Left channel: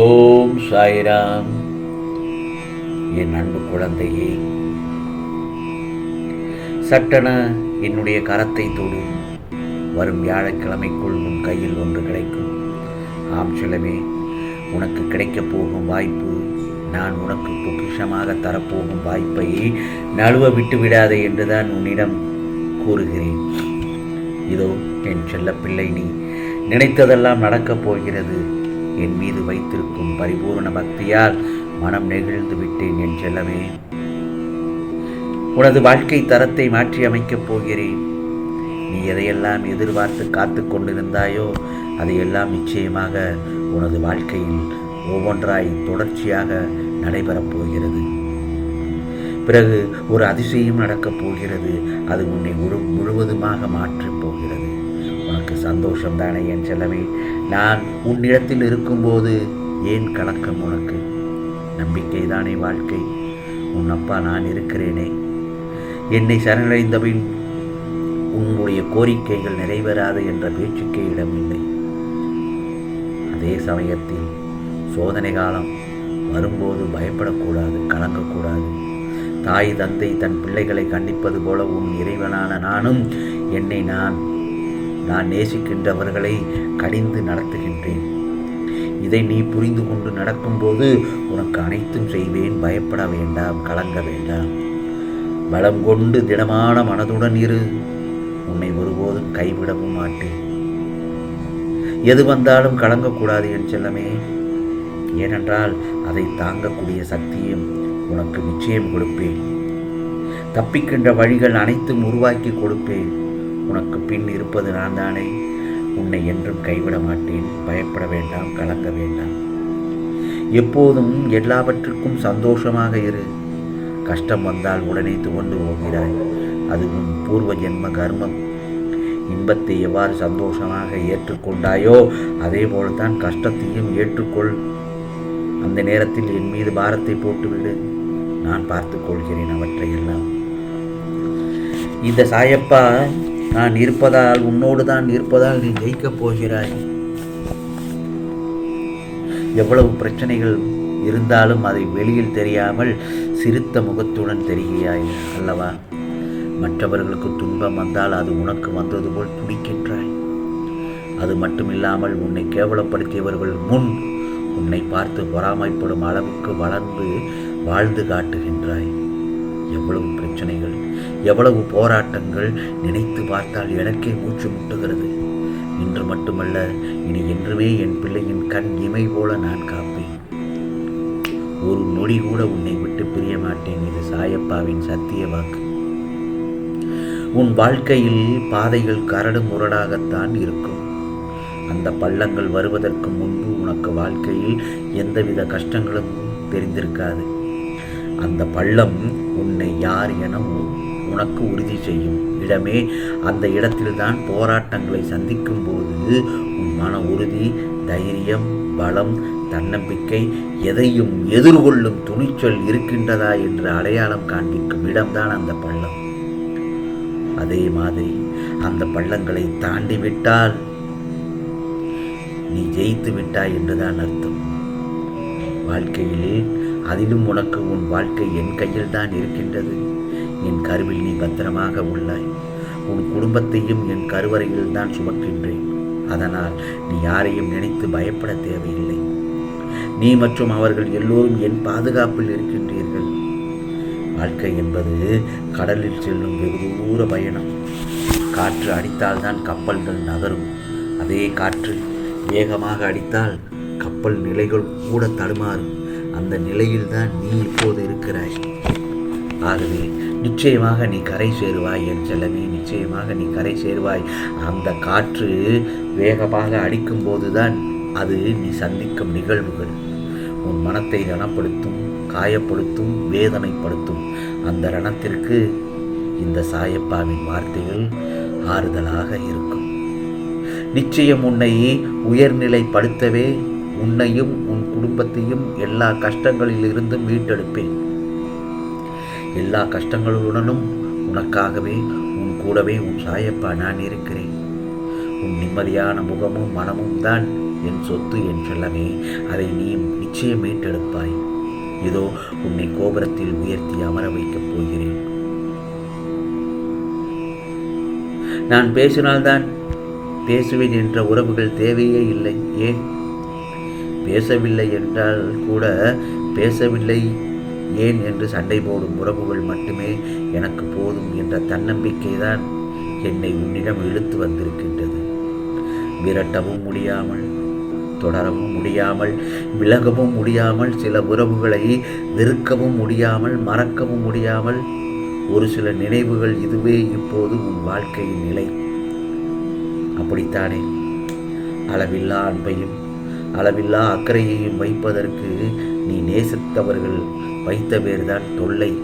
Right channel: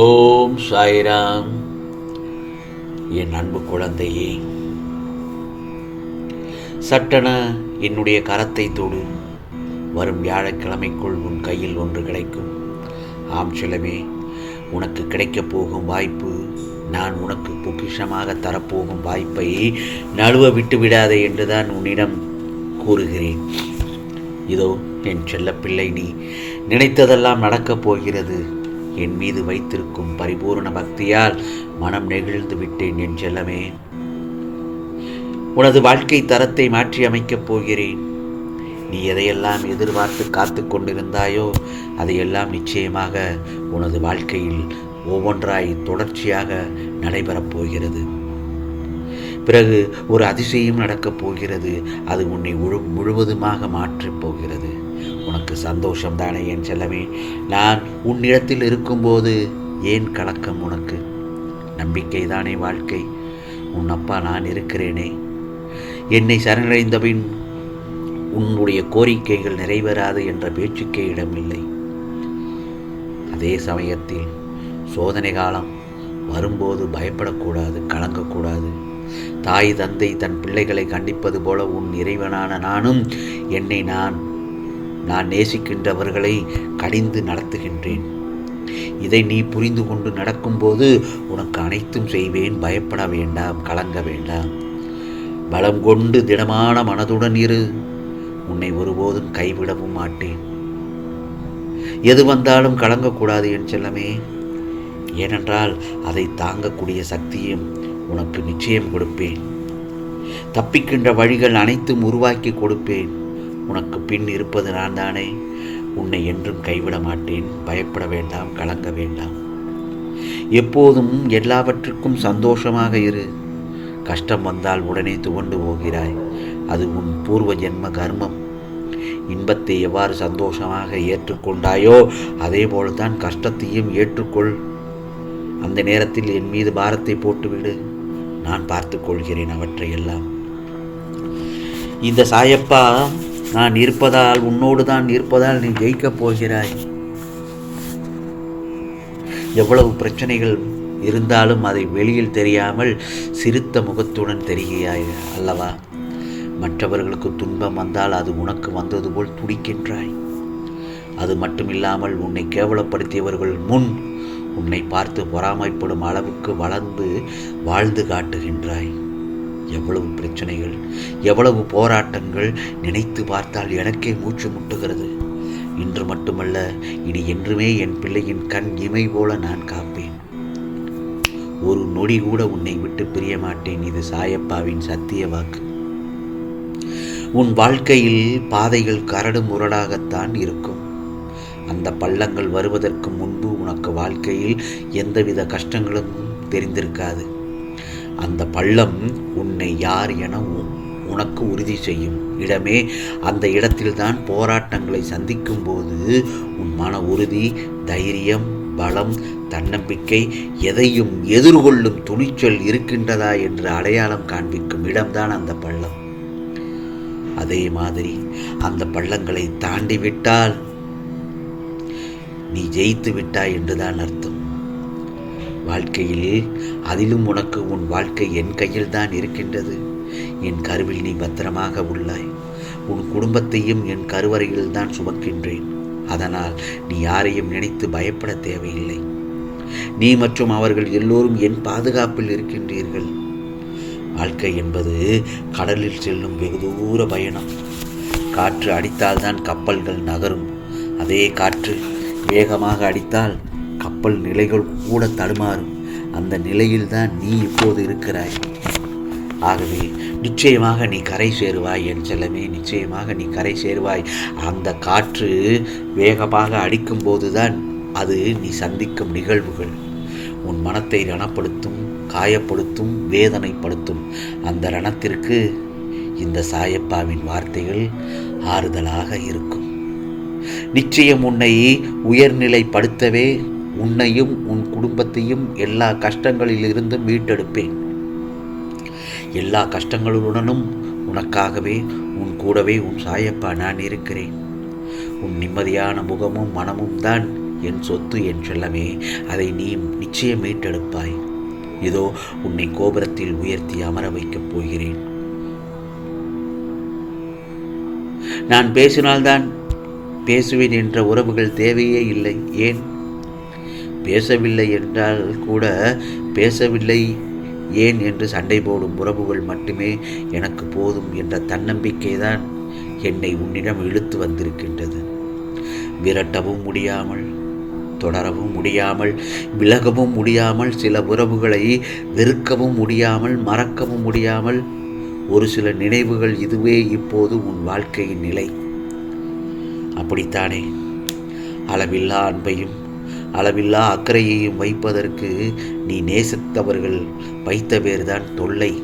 ஓம் சாய்ராம். என் அன்பு குழந்தையே சட்டென என்னுடைய கரத்தை தொடு. வரும் வியாழக்கிழமைக்குள் உன் கையில் ஒன்று கிடைக்கும். ஆம் செலவே உனக்கு கிடைக்கப் போகும் வாய்ப்பு நான் உனக்கு பொக்கிஷமாக தரப்போகும் வாய்ப்பை நழுவ விட்டு விடாதே என்றுதான் உன்னிடம் கூறுகிறேன். இதோ என் செல்லப்பிள்ளை நீ நினைத்ததெல்லாம் நடக்கப் போகிறது. என் மீது வைத்திருக்கும் பரிபூர்ண பக்தியால் மனம் நெகிழ்ந்து விட்டேன் என் செல்லமே. உனது வாழ்க்கை தரத்தை மாற்றி அமைக்கப் போகிறேன். நீ எதையெல்லாம் எதிர்பார்த்து காத்து கொண்டிருந்தாயோ அதையெல்லாம் நிச்சயமாக உனது வாழ்க்கையில் ஒவ்வொன்றாய் தொடர்ச்சியாக நடைபெறப் போகிறது. பிறகு ஒரு அதிசயம் நடக்கப் போகிறது. அது உன்னை முழு முழுவதுமாக மாற்றப் போகிறது. எனக்கு சந்தோஷம் தானே என் செல்லமே. நான் உன்னிடத்தில் இருக்கும்போது ஏன் கலக்கம் உனக்கு? நம்பிக்கை தானே வாழ்க்கை. உன் அப்பா நான் இருக்கிறேனே. என்னை சரணடைந்தபின் உன்னுடைய கோரிக்கைகள் நிறைவேறாது என்ற பேச்சுக்கே இடமில்லை. அதே சமயத்தில் சோதனை காலம் வரும்போது பயப்படக்கூடாது கலங்கக்கூடாது. தாய் தந்தை தன் பிள்ளைகளை கண்டிப்பது போல உன் இறைவனான நானும் என்னை நான் நான் நேசிக்கின்றவர்களை கடிந்து நடத்துகின்றேன். இதை நீ புரிந்து கொண்டு நடக்கும்போது உனக்கு அனைத்தும் செய்வேன். பயப்பட வேண்டாம் கலங்க வேண்டாம். பலம் கொண்டு திடமான மனதுடன் இரு. உன்னை ஒருபோதும் கைவிடவும் மாட்டேன். எது வந்தாலும் கலங்கக்கூடாது என் செல்லமே. ஏனென்றால் அதை தாங்கக்கூடிய சக்தியும் உனக்கு நிச்சயம் கொடுப்பேன். தப்பிக்கின்ற வழிகள் அனைத்தும் உருவாக்கி கொடுப்பேன். உனக்கு பின் இருப்பது நான் தானே? உன்னை என்றும் கைவிட மாட்டேன். பயப்பட வேண்டாம் கலங்க வேண்டாம். எப்போதும் எல்லாவற்றுக்கும் சந்தோஷமாக இரு. கஷ்டம் வந்தால் உடனே துவண்டு போகிறாய். அது உன் பூர்வ ஜென்ம கர்மம். இன்பத்தை எவ்வாறு சந்தோஷமாக ஏற்றுக்கொண்டாயோ அதே போல்தான் கஷ்டத்தையும் ஏற்றுக்கொள். அந்த நேரத்தில் என் மீது பாரத்தை போட்டுவிடு. நான் பார்த்துக்கொள்கிறேன் அவற்றையெல்லாம். இந்த சாயப்பா நான் இருப்பதால் உன்னோடு தான் இருப்பதால் நீ ஜெயிக்கப் போகிறாய். எவ்வளவு பிரச்சனைகள் இருந்தாலும் அதை வெளியில் தெரியாமல் சிரித்த முகத்துடன் தெரிகிறாய் அல்லவா? மற்றவர்களுக்கு துன்பம் வந்தால் அது உனக்கு வந்தது போல் துடிக்கின்றாய். அது மட்டுமில்லாமல் உன்னை கேவலப்படுத்தியவர்கள் முன் உன்னை பார்த்து பொறாமைப்படும் அளவுக்கு வளர்ந்து வாழ்ந்து காட்டுகின்றாய். எவ்வளவு பிரச்சனைகள் எவ்வளவு போராட்டங்கள் நினைத்து பார்த்தால் எனக்கே மூச்சு முட்டுகிறது. இன்று மட்டுமல்ல இனி என்றுமே என் பிள்ளையின் கண் இமை போல நான் காப்பேன். ஒரு நொடி கூட உன்னை விட்டு பிரிய மாட்டேன் இது சாயப்பாவின் சத்திய வாக்கு. உன் வாழ்க்கையில் பாதைகள் கரடு முரடாகத்தான் இருக்கும். அந்த பள்ளங்கள் வருவதற்கு முன்பு உனக்கு வாழ்க்கையில் எந்தவித கஷ்டங்களும் தெரிந்திருக்காது. அந்த பள்ளம் உன்னை யார் என உனக்கு உறுதி செய்யும். இடமே அந்த இடத்தில்தான் போராட்டங்களை சந்திக்கும் போது உன் மன உறுதி தைரியம் பலம் தன்னம்பிக்கை எதையும் எதிர்கொள்ளும் துணிச்சல் இருக்கின்றதா என்று அடையாளம் காண்பிக்கும் இடம்தான் அந்த பள்ளம். அதே மாதிரி அந்த பள்ளங்களை தாண்டி விட்டால் நீ ஜெயித்து விட்டாய் என்றுதான் அர்த்தம். வாழ்க்கையில் அதிலும் உனக்கு உன் வாழ்க்கை என் கையில் தான் இருக்கின்றது. என் கருவில் நீ பத்திரமாக உள்ளாய். உன் குடும்பத்தையும் என் கருவறையில் தான் சுமக்கின்றேன். அதனால் நீ யாரையும் நினைத்து பயப்பட தேவையில்லை. நீ மற்றும் அவர்கள் எல்லோரும் என் பாதுகாப்பில் இருக்கின்றீர்கள். வாழ்க்கை என்பது கடலில் செல்லும் வெகு தூர பயணம். காற்று அடித்தால்தான் கப்பல்கள் நகரும். அதே காற்று வேகமாக அடித்தால் கப்பல் நிலைகள் கூட தடுமாறும். அந்த நிலையில்தான் நீ இப்போது இருக்கிறாய். ஆகவே நிச்சயமாக நீ கரை சேருவாய் என் செல்லமே நிச்சயமாக நீ கரை சேருவாய். அந்த காற்று வேகமாக அடிக்கும் போதுதான் அது நீ சந்திக்கும் நிகழ்வுகள். உன் மனத்தை ரணப்படுத்தும் காயப்படுத்தும் வேதனைப்படுத்தும். அந்த ரணத்திற்கு இந்த சாயப்பாவின் வார்த்தைகள் ஆறுதலாக இருக்கும். நிச்சயம் உன்னை உயர்நிலைப்படுத்தவே உன்னையும் உன் குடும்பத்தையும் எல்லா கஷ்டங்களிலிருந்தும் மீட்டெடுப்பேன். எல்லா கஷ்டங்களுடனும் உனக்காகவே உன் கூடவே உன் சாயப்பா நான் இருக்கிறேன். உன் நிம்மதியான முகமும் மனமும் தான் என் சொத்து என் செல்லமே. அதை நீ நிச்சயம் மீட்டெடுப்பாய். இதோ உன்னை கோபுரத்தில் உயர்த்தி அமர வைக்கப் போகிறேன். நான் பேசினால்தான் பேசுவேன் என்ற உறவுகள் தேவையே இல்லை. ஏன்? பேசவில்லை என்றால் கூட பேசவில்லை. ஏன் என்று சண்டை போடும் உறவுகள் மட்டுமே எனக்கு போதும் என்ற தன்னம்பிக்கை தான் என்னை உன்னிடம் இழுத்து வந்திருக்கின்றது. விரட்டவும் முடியாமல் தொடரவும் முடியாமல் விலகவும் முடியாமல் சில உறவுகளை வெறுக்கவும் முடியாமல் மறக்கவும் முடியாமல் ஒரு சில நினைவுகள் இதுவே இப்போது உன் வாழ்க்கையின் நிலை. அப்படித்தானே? அளவில்லா அன்பையும் அளவில்லா அக்கறையையும் வைப்பதற்கு நீ நேசித்தவர்கள் வைத்த பேர்தான் தொல்லை.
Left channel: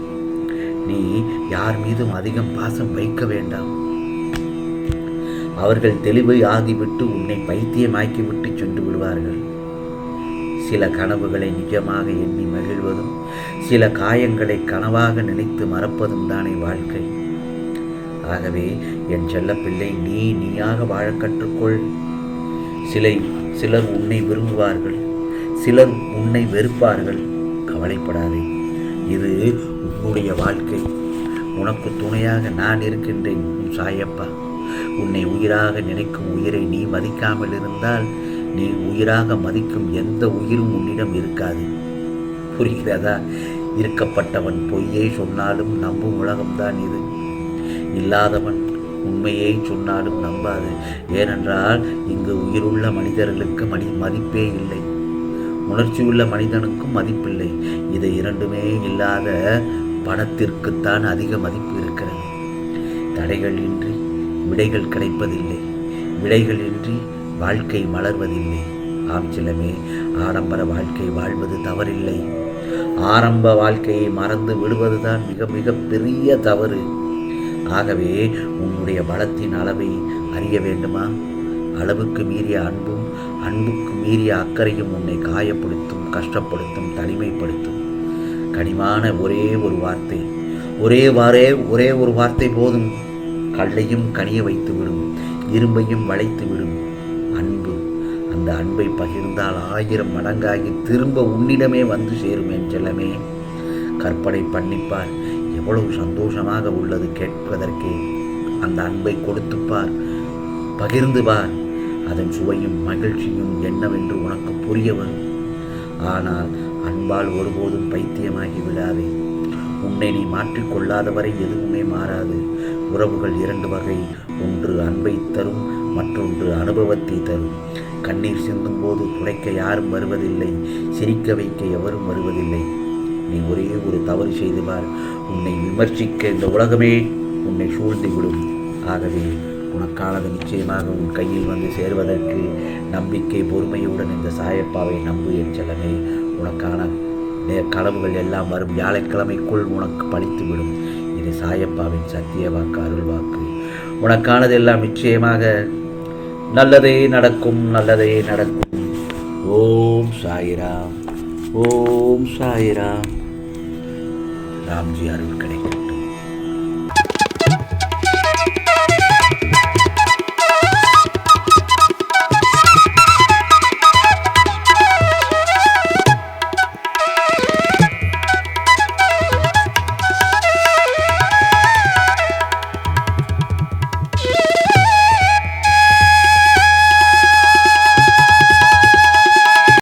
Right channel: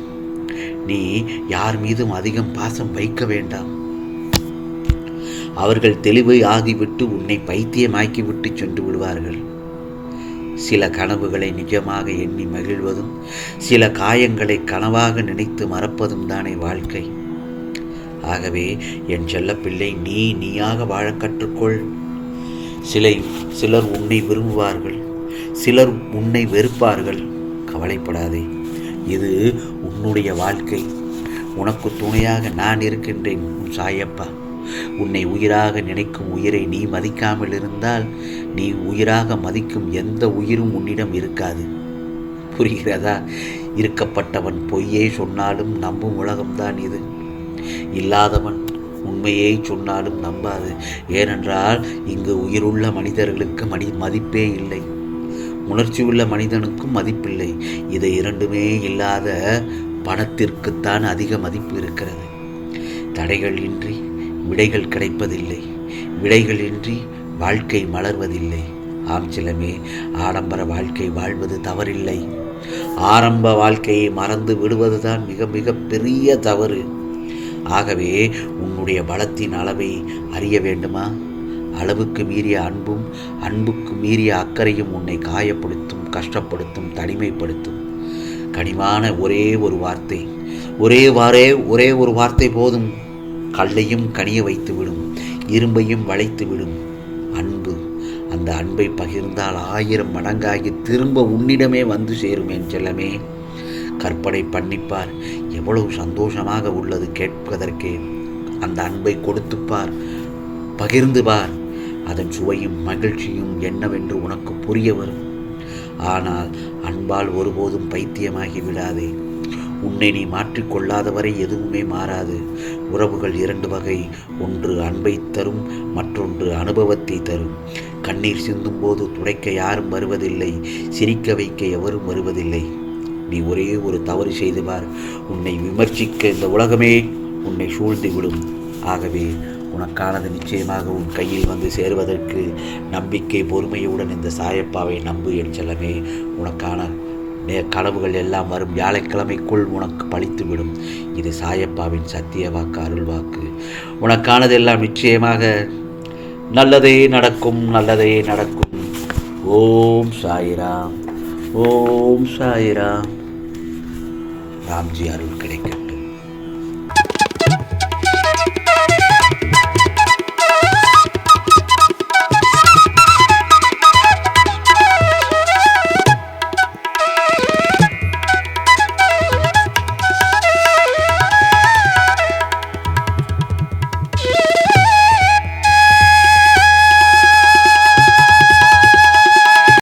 நீ யார் மீதும் அதிகம் பாசம் வைக்க வேண்டாம். அவர்கள் தெளிவை ஆகிவிட்டு உன்னை பைத்தியமாக்கிவிட்டு சென்று விடுவார்கள். சில கனவுகளை நிஜமாக எண்ணி மகிழ்வதும் சில காயங்களை கனவாக நினைத்து மறப்பதும் தானே வாழ்க்கை. ஆகவே என் செல்ல பிள்ளை நீ நீயாக வாழ கற்றுக்கொள். சிலை சிலர் உன்னை விரும்புவார்கள் சிலர் உன்னை வெறுப்பார்கள். கவலைப்படாதே இது உன்னுடைய வாழ்க்கை. உனக்கு துணையாக நான் இருக்கின்றேன் உன் சாயப்பா. உன்னை உயிராக நினைக்கும் உயிரை நீ மதிக்காமல் இருந்தால் நீ உயிராக மதிக்கும் எந்த உயிரும் உன்னிடம் இருக்காது. புரிகிறதா? இருக்கப்பட்டவன் பொய்யே சொன்னாலும் நம்பும் உலகம்தான் இது. இல்லாதவன் உண்மையை சொன்னாலும் நம்பாது. ஏனென்றால் இங்கு உயிருள்ள மனிதர்களுக்கு மனி மதிப்பே இல்லை. உணர்ச்சி உள்ள மனிதனுக்கும் மதிப்பில்லை. இதை இரண்டுமே இல்லாத பணத்திற்குத்தான் அதிக மதிப்பு இருக்கிறது. தடைகள் இன்றி விடைகள் கிடைப்பதில்லை. விடைகள் இன்றி வாழ்க்கை மலர்வதில்லை. ஆம் சிலமே ஆடம்பர வாழ்க்கை வாழ்வது தவறில்லை. ஆரம்ப வாழ்க்கையை மறந்து விடுவதுதான் மிக மிக பெரிய தவறு. ஆகவே உன்னுடைய பலத்தின் அளவை அறிய வேண்டுமா? அளவுக்கு மீறிய அன்பும் அன்புக்கு மீறிய அக்கறையும் உன்னை காயப்படுத்தும் கஷ்டப்படுத்தும் தனிமைப்படுத்தும். கனிமான ஒரே ஒரு வார்த்தை. ஒரே வாரே ஒரே ஒரு வார்த்தை போதும். கல்லையும் கனிய வைத்து விடும் இரும்பையும் வளைத்து விடும் அன்பு அந்த அன்பை பகிர்ந்தால் ஆயிரம் மடங்காகி திரும்ப உன்னிடமே வந்து சேரும் என் செல்லமே. கற்பனை பண்ணிப்பார். எவ்வளவு சந்தோஷமாக உள்ளது கேட்பதற்கே. அந்த அன்பை கொடுத்துப்பார் பகிர்ந்து பார். அதன் சுவையும் மகிழ்ச்சியும் என்னவென்று உனக்கு புரிய வரும். ஆனால் அன்பால் ஒருபோதும் பைத்தியமாகி விடாதே. உன்னை நீ மாற்றிக்கொள்ளாதவரை எதுவுமே மாறாது. உறவுகள் இரண்டு வகை ஒன்று அன்பை தரும் மற்றொன்று அனுபவத்தை தரும். கண்ணீர் சிந்தும் போது துடைக்க யாரும் வருவதில்லை சிரிக்க வைக்க எவரும் வருவதில்லை. நீ ஒரே ஒரு தவறு செய்து பார் உன்னை விமர்சிக்க இந்த உலகமே உன்னை சூழ்ந்து விடும் ஆகவே உனக்கானது நிச்சயமாக உன் கையில் வந்து சேர்வதற்கு நம்பிக்கை பொறுமையுடன் இந்த சாயப்பாவை நம்பு என் செல்லமே. உனக்கான நே- கனவுகள் எல்லாம் வரும் வியாழக்கிழமைக்குள் உனக்கு பழித்துவிடும். இது சாயப்பாவின் சத்திய வாக்கு அருள் வாக்கு. உனக்கானதெல்லாம் நிச்சயமாக நல்லதே நடக்கும் நல்லதே நடக்கும். ஓம் சாயிராம். ஓம் சாயிராம். ராம்ஜி அருள் கிடைக்கும்.